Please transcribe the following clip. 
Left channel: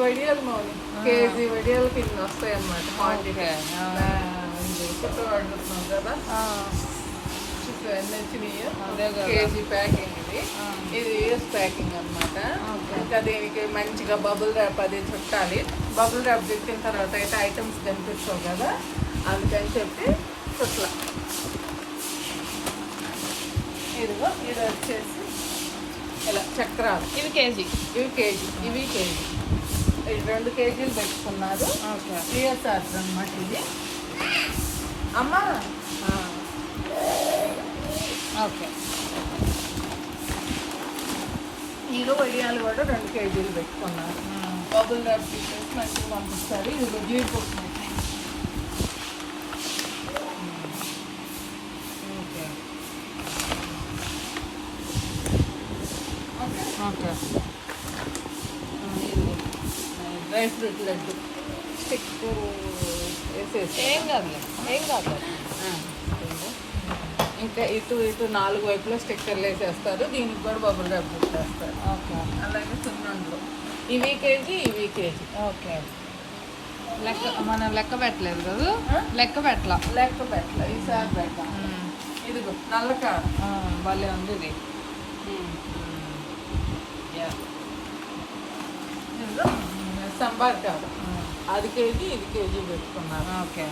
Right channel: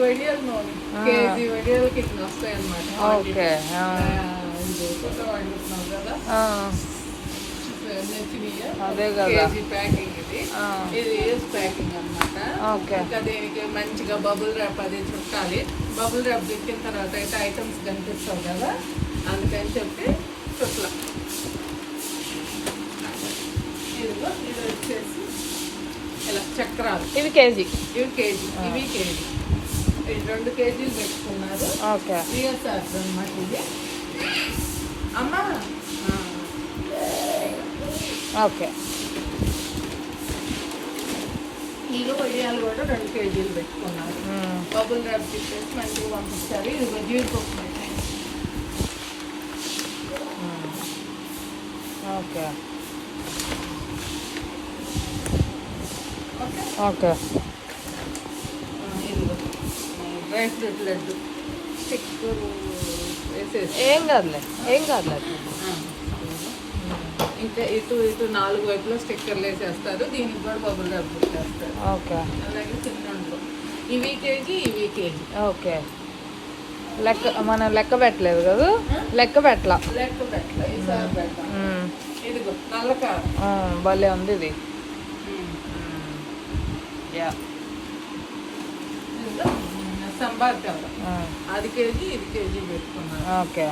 వడియాలు మౌని కేజీ వడియాలు కింద వస్తాయి. ఆ. కొత్త వండుతున్నాం కదా. కేజీ ప్యాకింగ్ ఇది. ఇది ఇయర్స్ ప్యాకింగ్ అన్నమాట. ఓకే. ఇంకా దీనికి మంచిగా బబుల్ ర్యాప్ అది చుట్టాలి. బబుల్ ర్యాప్ చుట్టిన తర్వాత అయితే ఐటమ్స్ కనిపిస్తావు కదా. అందుకని చెప్పి చుట్ల. ఇదిగో ఇది వచ్చేసి ఇలా చక్రాలు. ఇది కేజీ. ఇవి కేజీ. ఇవి కేజీ. ఇవి రెండు కేజీలు పెట్టుకున్నారు ఓకే. సిఎస్ఆర్ అనమాట ఇది. అమ్మా. ఆ. ఓకే. ఈలో వడియాలు కూడా రెండు కేజీలు పెట్టుకున్నారు ఉమ్, బబుల్ ర్యాప్ చెప్పేసి మంచిగా పంపిస్తారు. ఇది జీడిపప్పు ఉమ్. ఓకే. ఓకే. ఓకే. ఆ, ఇదిగో డ్రై ఫ్రూట్ లడ్డు వేసేసి ఏం కాదులే ఏం కాదులే ఆ. ఇంకా ఇటు ఇటు నాలుగు వైపులో స్టిక్కర్లు వేసేస్తారు. దీనికి కూడా బబుల్ ర్యాప్ పెట్టేస్తారు. ఓకే. అలాగే సున్నుండలు. ఇవి కేజీ ఇవి కేజీ. ఓకే. లెక్క మనం లెక్క పెట్టలేదు కదా? లెక్క పెట్టలా? లెక్క పెట్టలే. ఇదిగో నల్ల ఉమ్, భలే ఉంది ఇది. యా. సంబార్ కారం అది కేజీ ఇది కేజీ పెట్టుకున్నారు ఓకే.